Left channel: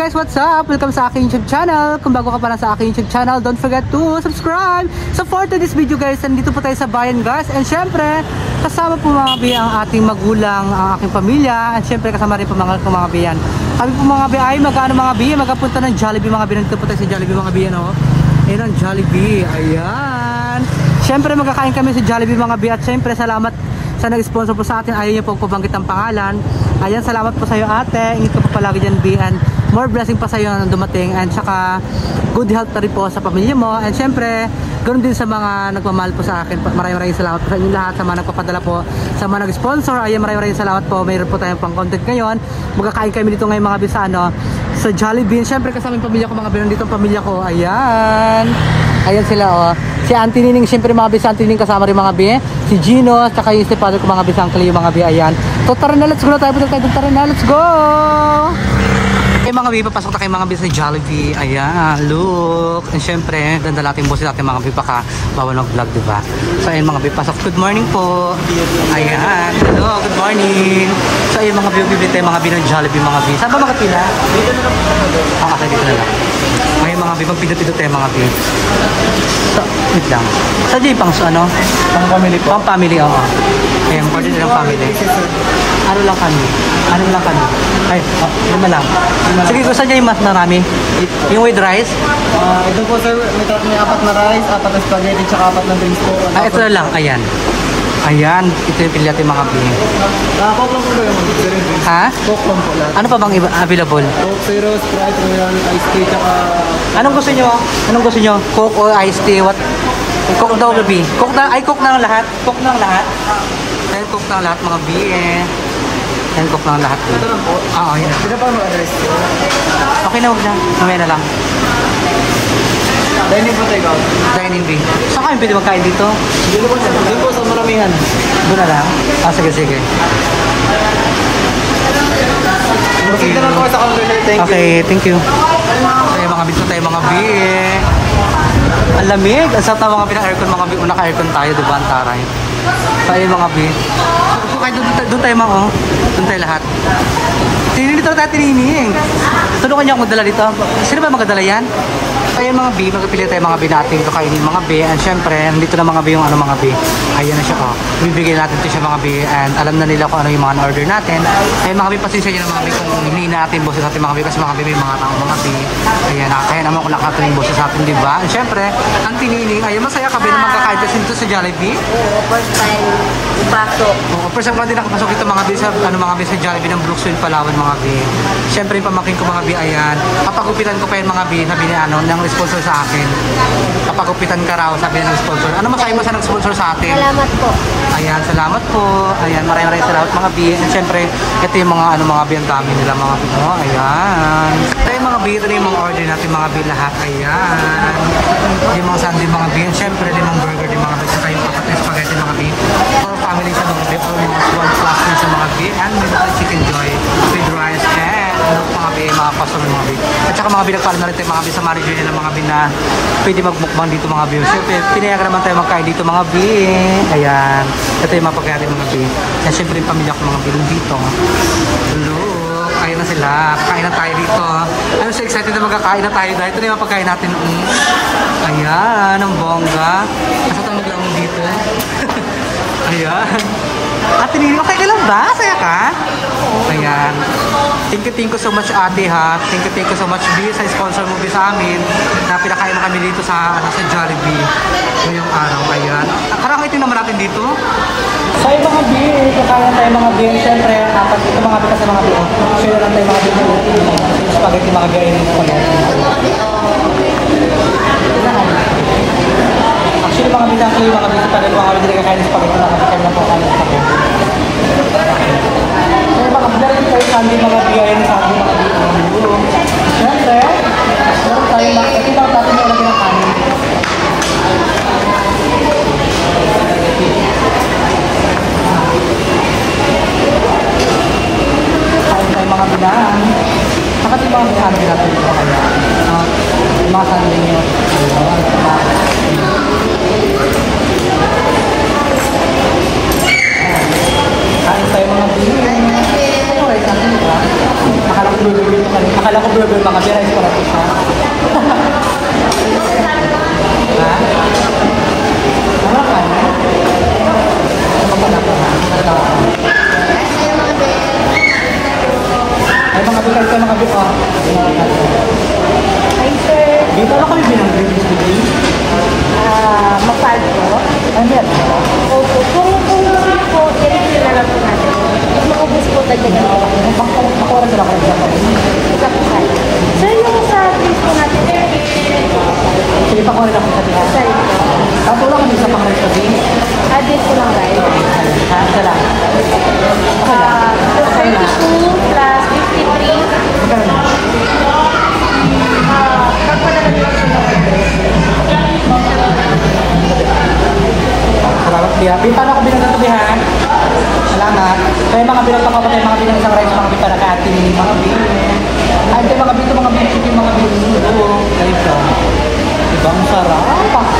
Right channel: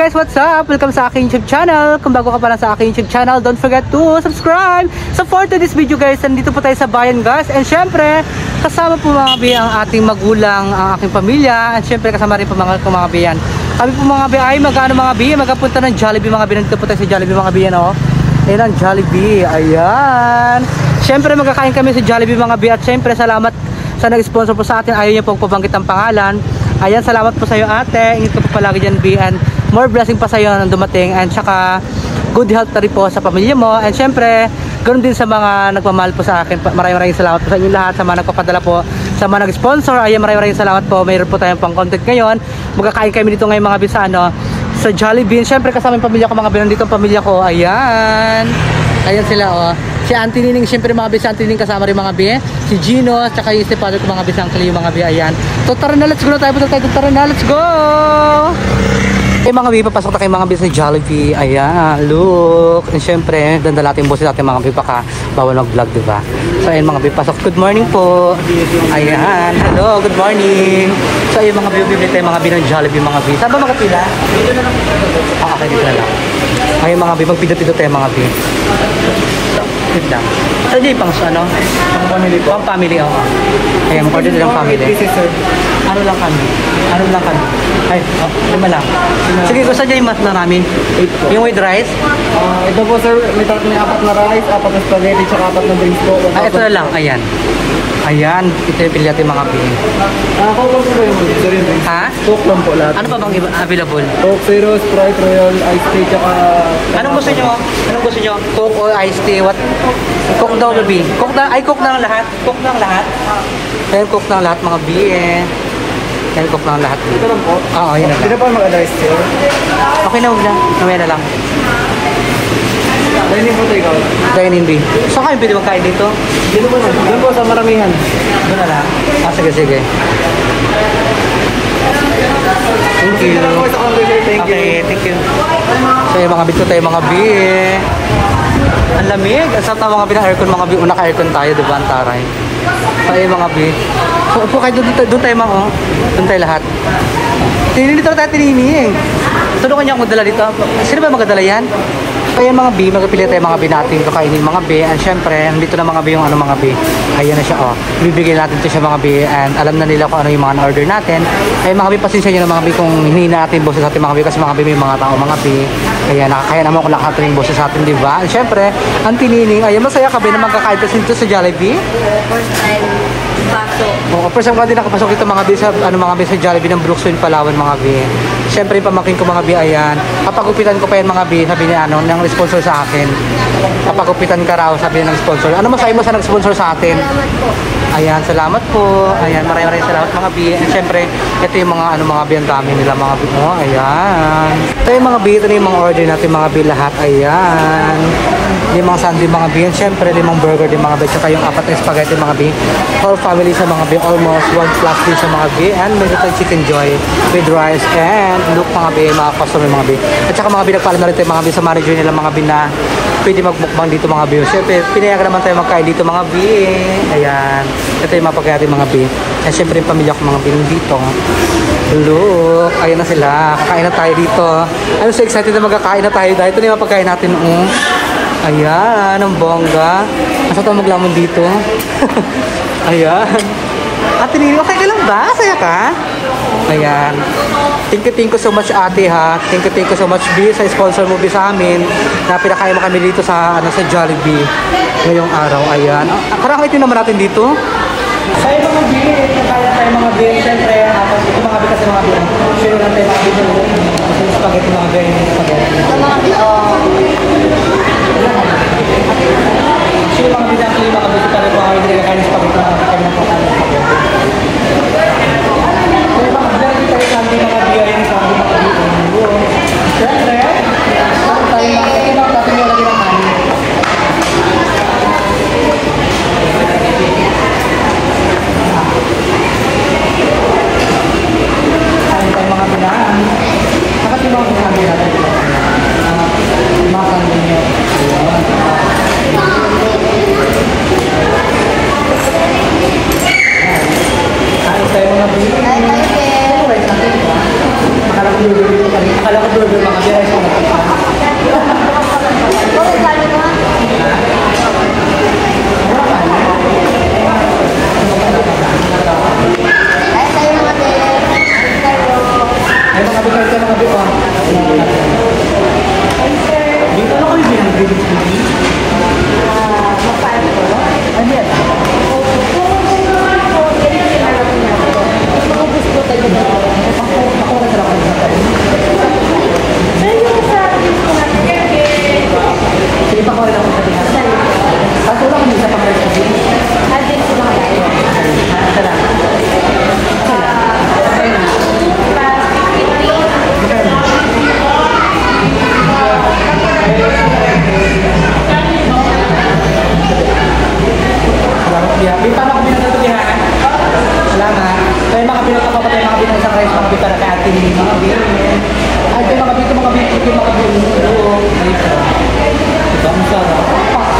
guys, what's up? Welcome sa aking YouTube channel. Kung bago ka pa lang sa aking YouTube channel, don't forget to subscribe. So for today's video guys, nandito po tayo sa bayan guys. And syempre, kasama po mga bi ang ating magulang, ang aking pamilya. And syempre kasama rin po mga biyan. Kami po mga bi ay mga bi, magkapunta ng Jollibee mga bi. Nandito po tayo sa Jollibee mga bi, no? Ayan ang Jollibee, ayan. Syempre magkakain kami sa Jollibee mga bi. At syempre salamat sa nag-sponsor po sa atin. Ayaw niyo pong pabanggit ang pangalan. Ayan, salamat po sa iyo ate. Ingat ka po palagi dyan bi. And more blessing pa sa iyo nang dumating. And saka good health na rin po sa pamilya mo. And syempre ganoon din sa mga nagmamahal po sa akin. Maraming salamat po sa inyo lahat. Sa mga nagpapadala po, sa mga nag-sponsor. Ayan, maraming salamat po. Mayroon po tayong pang content ngayon. Magkakain kami dito ngayon mga bi sa sa Jollibee. Syempre kasama yung pamilya ko mga bi. Nandito ang pamilya ko. Ayan. Ayan sila oh. Si Auntie Nining, syempre mga bi, si Auntie Nining kasama rin mga bi. Si Gino, at saka yung stepfather ko mga bi, sa Uncle yung mga bi, ayan. So tara na, let's go na tayo, tara na, let's go! Eh mga bi, papasok na kayo mga bi sa Jollibee, ayan, look. And syempre, dandala natin boses natin mga bi, baka bawal mag-vlog, diba? So ayan mga bi, pasok, good morning po. Ayan, hello, good morning. So ayan mga bi, bibili tayo mga bi ng Jollibee mga bi. Saan ba makatila? Dito na lang. Ah, okay, dito na lang. Ayan mga bi, magpidot-pidot tayo mga bi. So, wait lang. Sa dyan pang ano? Pang family po? Pang family, oo. Kaya mag-order lang family. Ano lang kami? Ay, lima lang. Sige, so saan dyan yung mas marami? Yung with rice? Ito po sir, may apat na rice, apat na spaghetti, tsaka apat na drinks po. Ah, ito na lang, ayan. Ayan, ito yung pili natin mga pili. Coke lang po ba yung mga? Ha? Coke lang po lahat. Ano pa bang available? Coke Zero, Sprite, Royal, Ice Tea, tsaka... Anong gusto nyo? Coke or iced tea? What? Coke daw gabi. Coke na ang lahat? Coke na ang lahat? Kaya Coke na ang lahat mga bi eh. Kaya Coke na ang lahat. Ito lang po? Oo, yun na lang. Hindi na po mag-ice tea? Okay na, huwag na. Mamaya na lang. Dining po tayo. Dining B. Saan kayo pwede magkain dito? Dito po, doon po sa maramihan. Doon na lang? Ah, sige. Thank you. Okay, thank you. Tayo mga bito, tayo mga bi. Ang lamig. Ang sarap na mga bi ng aircon mga bi. Una ka-aircon tayo, diba? Ang taray. Tayo mga bi. So kayo doon tayo mga oh. Doon tayo lahat. Tinilito na tayo tinining. Tulungan niyo akong dala dito. Sino ba magdala yan? Ayan mga bi, magpipili tayo mga bi natin kakainin mga bi. And syempre, nandito na mga bi yung mga bi. Ayan na siya oh. Bibigyan natin ito siya mga bi. And alam na nila kung ano yung mga na-order natin. Ayan mga bi, pasensya nyo na mga bi kung hindi natin boses sa atin mga bi. Kasi mga bi may mga tao mga bi. Ayan, nakakaya naman kung lahat yung boses sa atin, diba? And syempre, ang tinining, ayan, masaya ka ba na magkakain dito sa Jollibee? Oo, first time pasok. Oo, first time ko din nakapasok dito mga bi sa, mga bi sa Jollibee ng Brooksville, Palawan mga bi. Syempre, yung pamangkin ko mga bi, ayan. Papagupitan ko pa yan mga bi, sabi ni ng sponsor sa akin. Papagupitan ka raw, sabi ng sponsor. Ano masabi mo sa nag-sponsor sa atin? Salamat po. Ayan, salamat po. Ayan, maraming salamat mga bi. And syempre, ito yung mga bi ang dami nila mga bi. Oh, ayan. Ito yung mga bi, ito na yung mga order natin mga bi lahat. Ayan. Yung mga sundae mga bi. And syempre, limang burger din mga bi. Tsaka yung apat na spaghetti mga bi. Whole family sa mga bi. Almost 1+ din sa mga bi. And may ito chicken joy with rice. And look mga bi, mga customer mga bi. At saka mga bi, nagpaalam na rin tayo mga bi sa manager nila mga bi na pwede magbukbang dito mga bi. Siyempre, pinayagan naman tayo magkain dito mga bi. Ayan. Ito yung mapagkari mga bi. And syempre yung pamilya ko mga bi dito. Look, ayun na sila. Kakain na tayo dito. I'm so excited na magkakain na tayo dahil ito na yung mapagkain natin. Ayan, ang bongga. Nasa ito maglamon dito. Ayan. Ate Nini, okay ka lang ba? Saya ka? Ayan. Thank you so much ate ha. Thank you so much B sa sponsor mo B sa amin na pinakain mo kami dito sa sa Jollibee ngayong araw. Ayan. Karang ito naman natin dito. Tayo mga B, kaya tayo mga B. Siyempre, ito mga B kasi mga B. Share lang tayo mga B. Spaghetti mga B. Sa mga Actually mga B natin yung mga B. Tayo mga B. Kaya spaghetti mga B. Kaya po kaya spaghetti. Kaya mga B. Tayo sandi mga B. Yung sandi mga B. Siyempre, tayo mga B. Ito na natin yung lagi ng kanin. Kain tayo mga bilaan. Dapat yung mga bisabi natin dito kaya. Mga kanin nyo. Ayun. Kain tayo mga bilaan. Ito rice natin, diba? Makalak dito pa rin. Akala ko burger mga rice para sa siya. Ha? Wala ka na? Ay, mga bital ka, mga bital. Dito na kayo binibig smoking? Ano yan? Makuha ka lang ako. Sige, pakuha lang ako sabihan. Tapos wala kami isa pang rice sabihin. Isa lang. Isa lang. Pakuha lang. Pakuha lang. Salamat biya. Yung paano ako binunod ito biya? Salamat. So yung mga binunod ako pa tayo mga binunod isang rice, mga binunod para ka-atin yung mga binunod. Ay, ito mga binunod, mga binunod, mga binunod. Ito. Diba, masarap.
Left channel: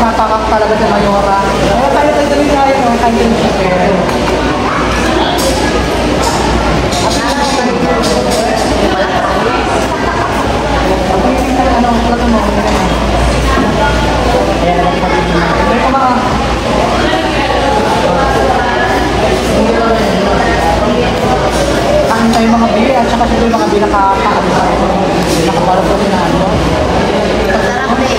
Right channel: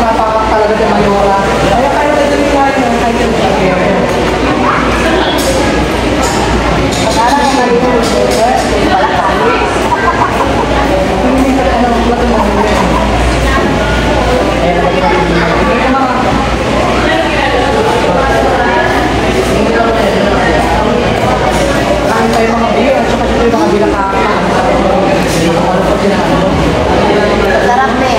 Napakak talaga ito mayora. Kaya kayo tayo tayo ng kayo tayo siya. Akala ko maringan wala kami. Ako yung ano, plato mo. Ayan, nagagin natin yung mga. Ito mga. Kain tayo mga bili, at saka siyempre mga bili nakakaano sa ako. Nakaparo po sila ano. Sarap eh.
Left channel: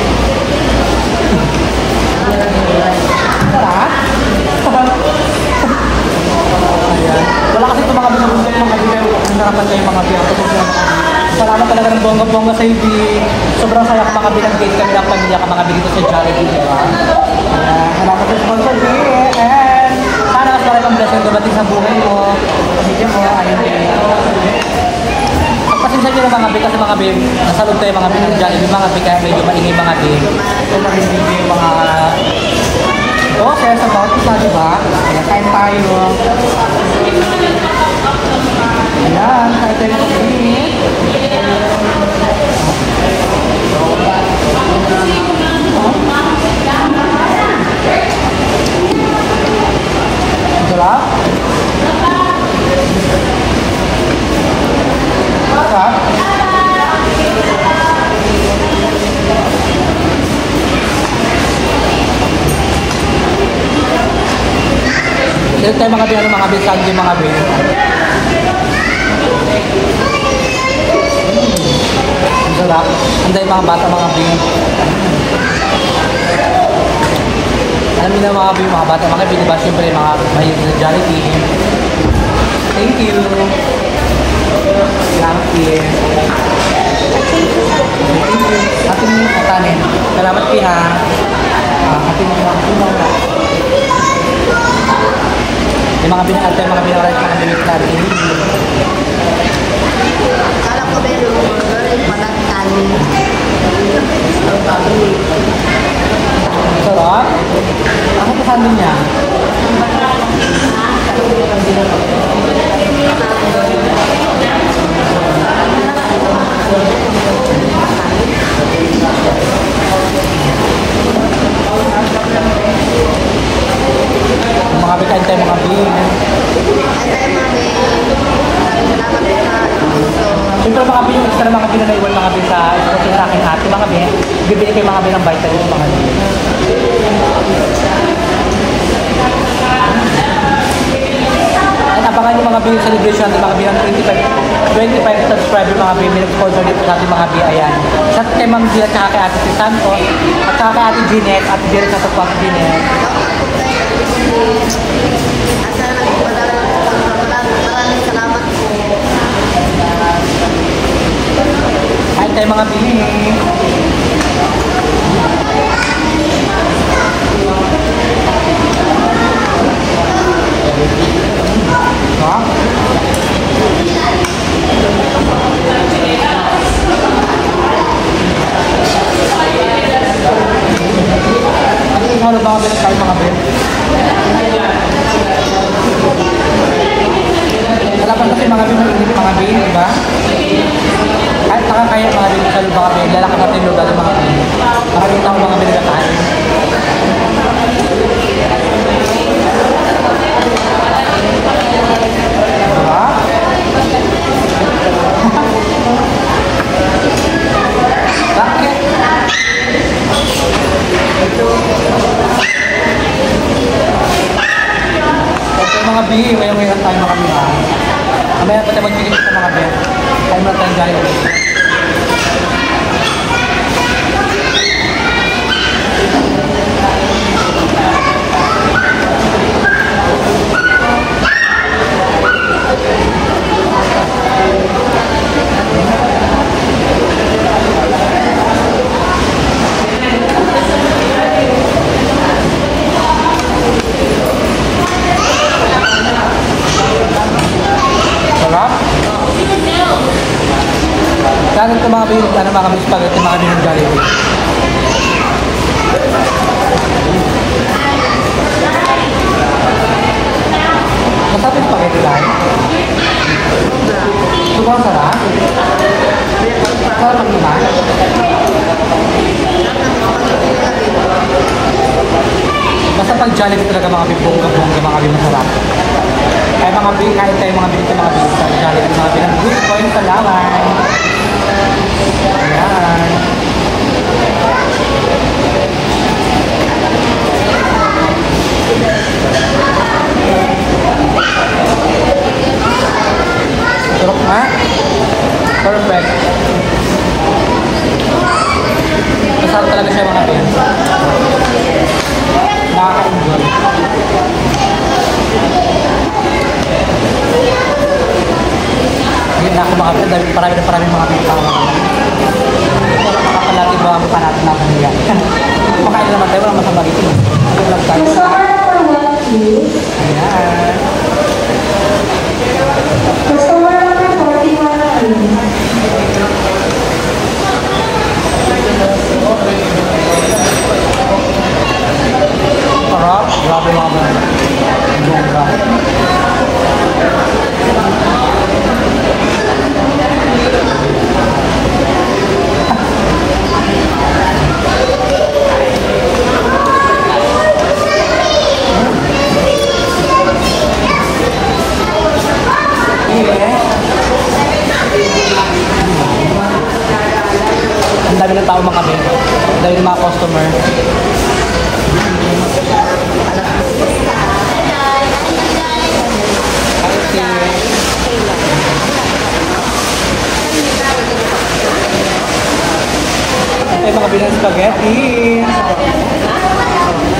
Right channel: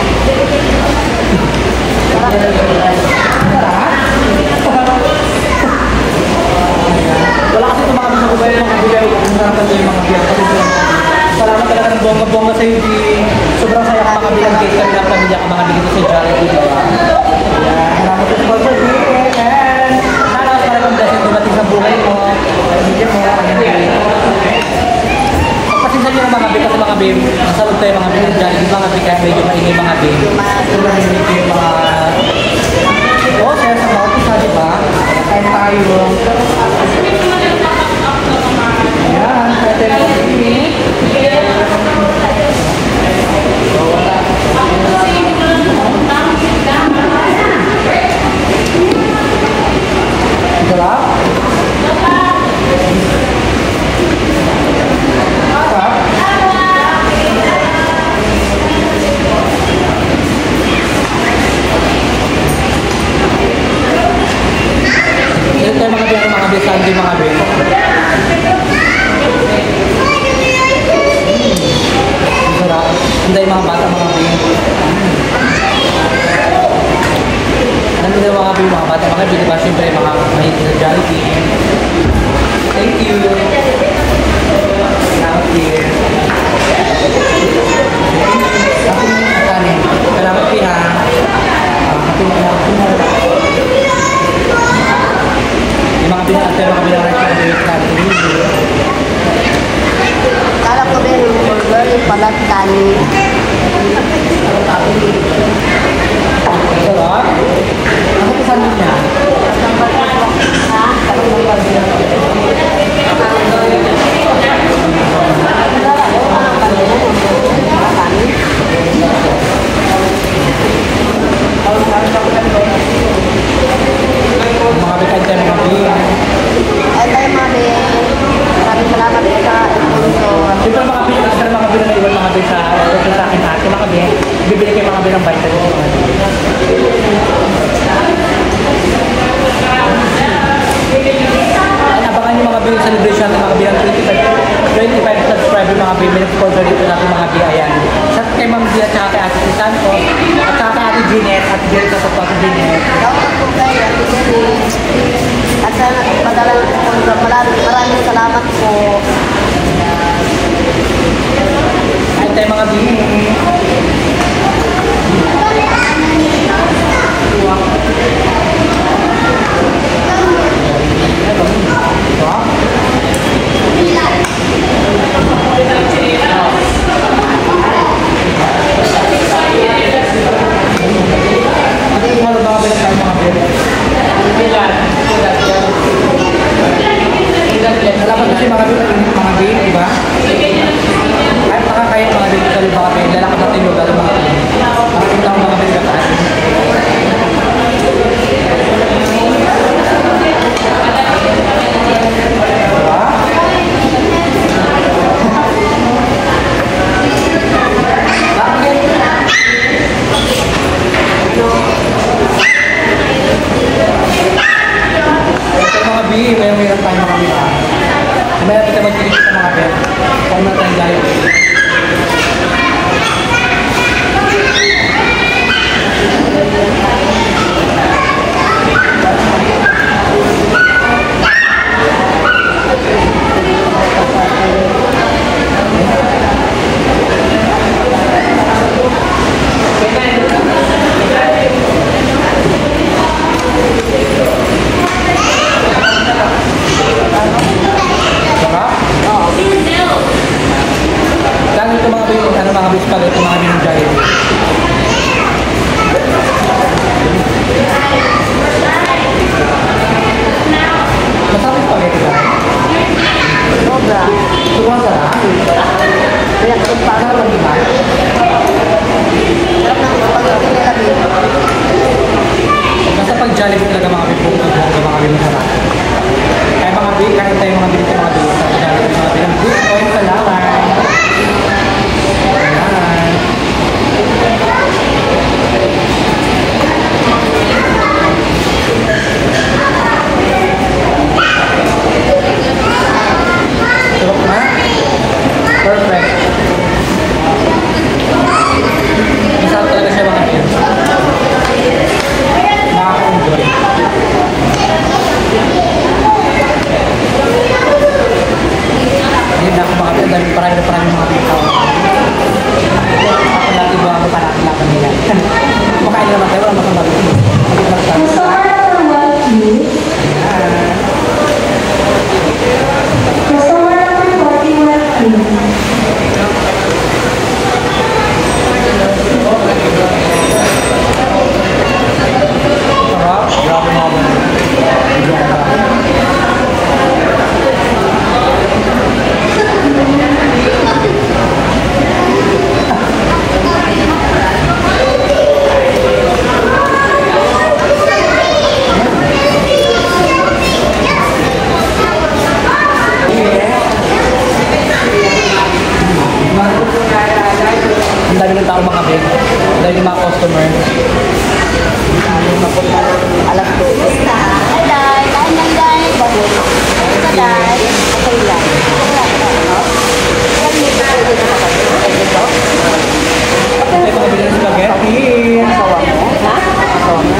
Sarap? Ayan. Wala kasi itong mga binagusto yung mga bili. Ang sarapan tayo yung mga bili. Kasi salamat talaga ng bongga-bongga sa'yo, Di. Sobrang saya ka mga bilang date kami ng pamilya ka mga bili ko sa Jollibee, di ba? Ayan. Salamat sa sponsor, Di. And sana talagang blessing dumating sa buhay mo. Pamilya mo, pagpasinsan nyo na mga bili kasi mga bili. Ang salud tayo mga bili ng Jollibee, mga bili kaya medyo maingay mga bili. Kung lang medyo yung mga sa bawat isa, di ba? Kaya tayo. Ayan, kaya tayo mga bili. Sarap? Sarap? Ito tayo mga biyang mga bisan din mga biyang. Ang sarap. Anday mga bata mga biyang. Alam mo na mga biyang, mga bata mga biyang, diba siyempre mga mahilig na Jollibee. Thank you. Salamat din. Ating akanin. Salamat din ha. Ating akanin. Yung mga binangat tayo, mga binangat mga binangat natin. Kala ko din yung burger, yung palat kanin. Sarap? Ako kasan din niya? Sarap ng pagbilang. Mga bikain tayo mga biyang. Ay tayo mga biyang. Maraming salamat sa sponsor. Siyempre mga biyang, extra mga biyang na iwan mga biyang sa aking ate mga biyang. Bibili tayo mga biyang ng vitamins mga biyang. At abangan yung mga biyang celebration natin mga biyang 25 subscriber mga biyang. May sponsor dito natin mga biyang. Ayan. Sa kay Ma'am Bia at kay Ate si Santos at kay Ate Junet at Junet sa Tupak Junet. At sana nagpadala ng sponsor. Maraming salamat po. Ay tayo mga biyang. Halo mga biyang tayo mga biyang. Lalakas kasi mga biyang, diba? Ay, kaya mga biyang kalib mga biyang. Lalakas natin yung lugar mga biyang. Nakakita ko mga biyang katahan. Diba? ng Jollibee. Sarap? Oo. Saan ito mga bilhin? Ano mga bilhin spaghetti, mga bilhin Jollibee? Masarap yung spaghetti lang? Sobra. Sobrang sarap? Kaya kung paano Sarap di ba? sarap ng spaghetti nila dito. Basta pag Jollibee talaga mga bibong mga bilhin masarap. Ay mga bilhin, kahit tayo mga bilhin sa mga bilhin sa Jollibee mga bilhin. Good point, salamat! Ayan. Sarap na? Perfect. Masarap talaga siya mga bilhin. Nakaka-enjoy. Hindi na ako makapit dahil parami mga tao. Pero makapalati ba ang mukha natin natin nila. Kumakain na naman tayo, walang masama dito. Hindi lang tayo. Ayan. Sarap. Grabe mga ba. Ibang ba. Ang dami ng tao mga bin. Dahil yung mga customer. Alas 2. Ito yung mga bilang spaghetti. Asawa mo? Ha? Asawa mo?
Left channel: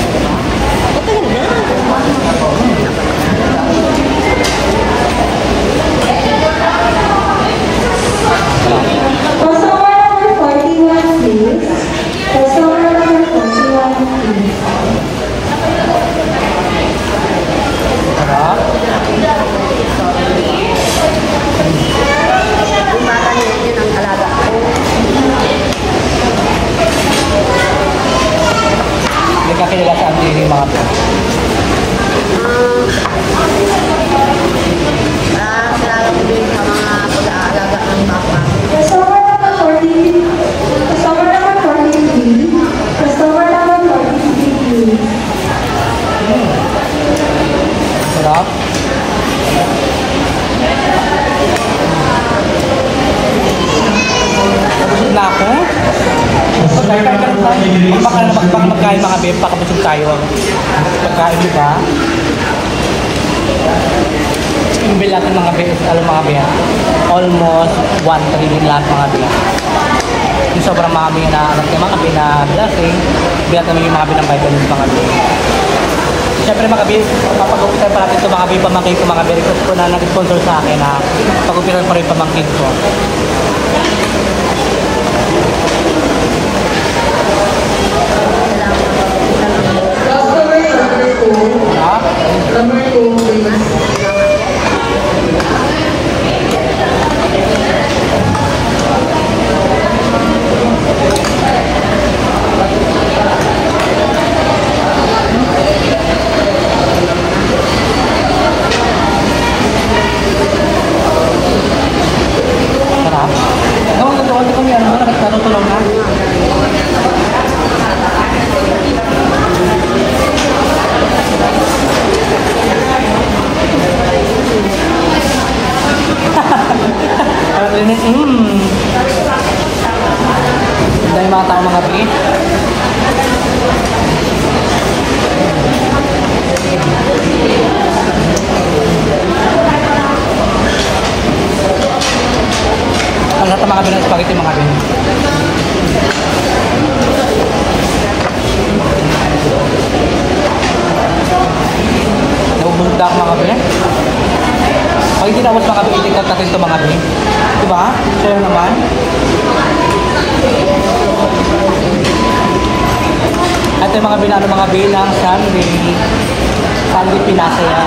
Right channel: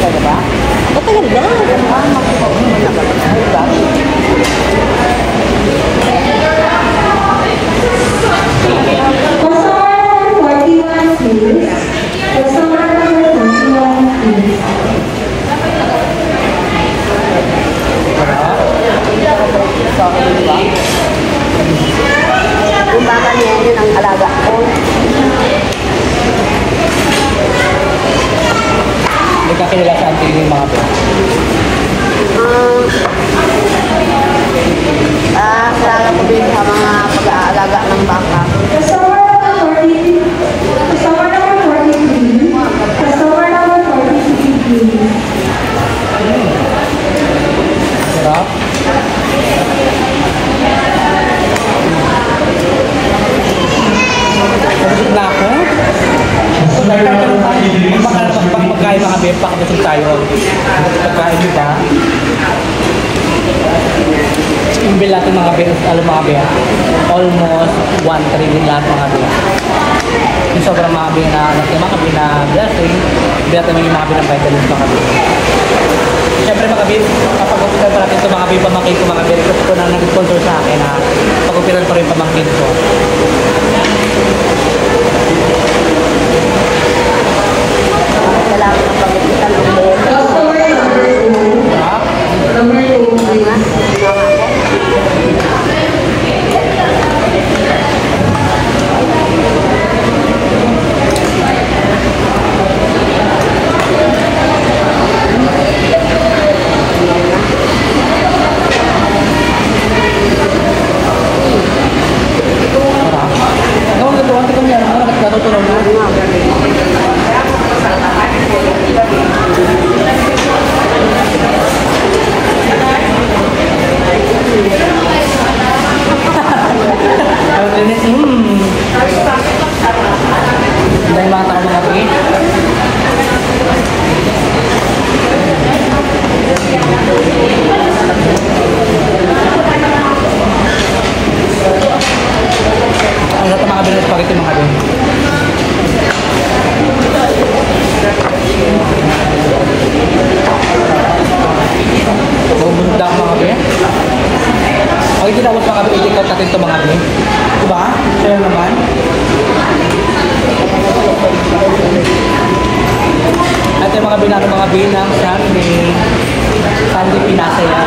Patay ba? Patay na. Ay, gosh. Sarap. Yung bata niya yun ang alaga ko. Hindi ka kilala sa auntie yung mga bin. Alaga ko din sa mga pag-aalaga ng baka. Sarap. Nabusog na ako. Pagkain mga bin, pakabusog tayo. Pagkain, di ba? Yung bill natin mga bin, alam mga bin, almost 1-3 din lahat mga bin. Yung sobrang mga bin na alam niya mga bin na blessing, natin yung mga bin ng vitamins mga bin. Siyempre mga bin, kapag-upitan pa natin ito mga bin, pamangkin ko mga bin, request ko na nag-sponsor sa akin na pag-upitan pa rin pamangkin ko. Salamat ng pag-upitan ng buhay. Ha? Sarap. Gawin na doon, kung meron mo, nagkaroon na. Dahil mga tao mga trip. mga bin ng spaghetti mga bin. Bumunda mga bin. Ay, ginawas mga bin. Itikot natin ito mga bin. Diba? Kaya naman. At yung mga binano mga bin ng Sandy. Sandy Pinasaya.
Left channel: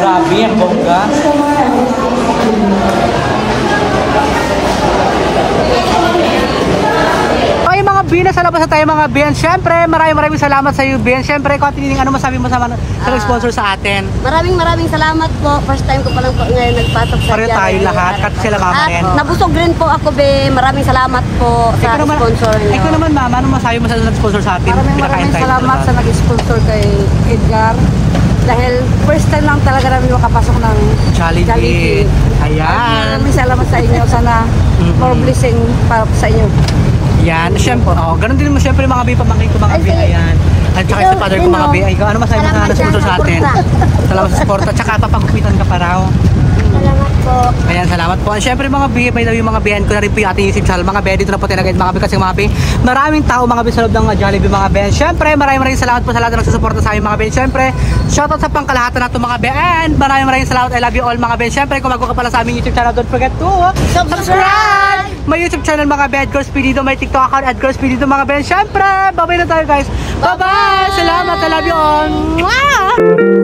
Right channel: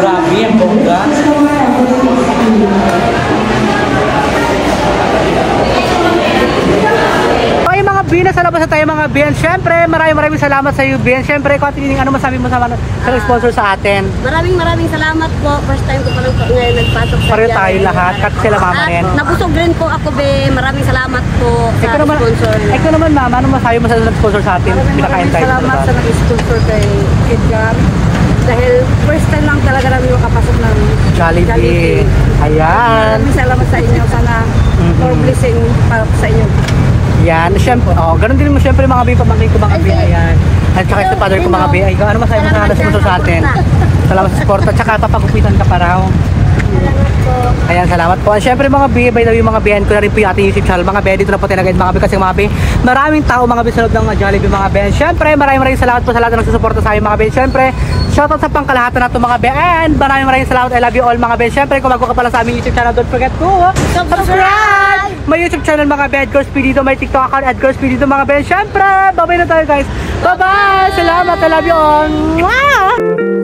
Grabe ang bongga. Okay mga bin, nasa labas na tayo mga bin. Siyempre, maraming salamat sa iyo bin. Siyempre, Katining, ano masabi mo sa nag-sponsor sa atin? Maraming salamat po. First time ko pa lang po ngayon nagpasok sa Pareho tayo lahat, kat sila mama rin. Nabusog rin po ako be. Maraming salamat po sa sponsor niyo. Ikaw naman mama, ano masabi mo sa nag-sponsor sa atin? Pinakain tayo sa Salamat sa nag-sponsor kay Edgar. Dahil first time lang talaga namin makapasok ng Jollibee. Ayan. Maraming salamat sa inyo. Sana more blessing para sa inyo. Yan, syempre, ganun din mo syempre mga bi, pamangkin ko mga bi, ayan. At saka sa father ko mga bi, ay, ano masabi mo sa sponsor sa atin? Salamat sa support, at saka papagupitan ka pa raw. Salamat po. Ayan, salamat po. And syempre mga bi, by the way mga bihan ko na rin po yung ating YouTube channel. Mga bi, dito na po tayo nag-guide mga bi kasi mga bi, maraming tao mga bi sa loob ng Jollibee mga bi. And syempre, maraming salamat po sa lahat na nagsusuporta sa amin mga bi. Syempre, shoutout sa pangkalahatan na ito mga bi. And maraming salamat, I love you all mga bi. Syempre, kung bago ka pala sa aming YouTube channel, don't forget to subscribe! May YouTube channel mga bi, Edgar Spirido, may TikTok account, Edgar Spirido mga bi. Syempre, bye-bye na tayo guys. Bye-bye! Salamat, I love you all! Mwah!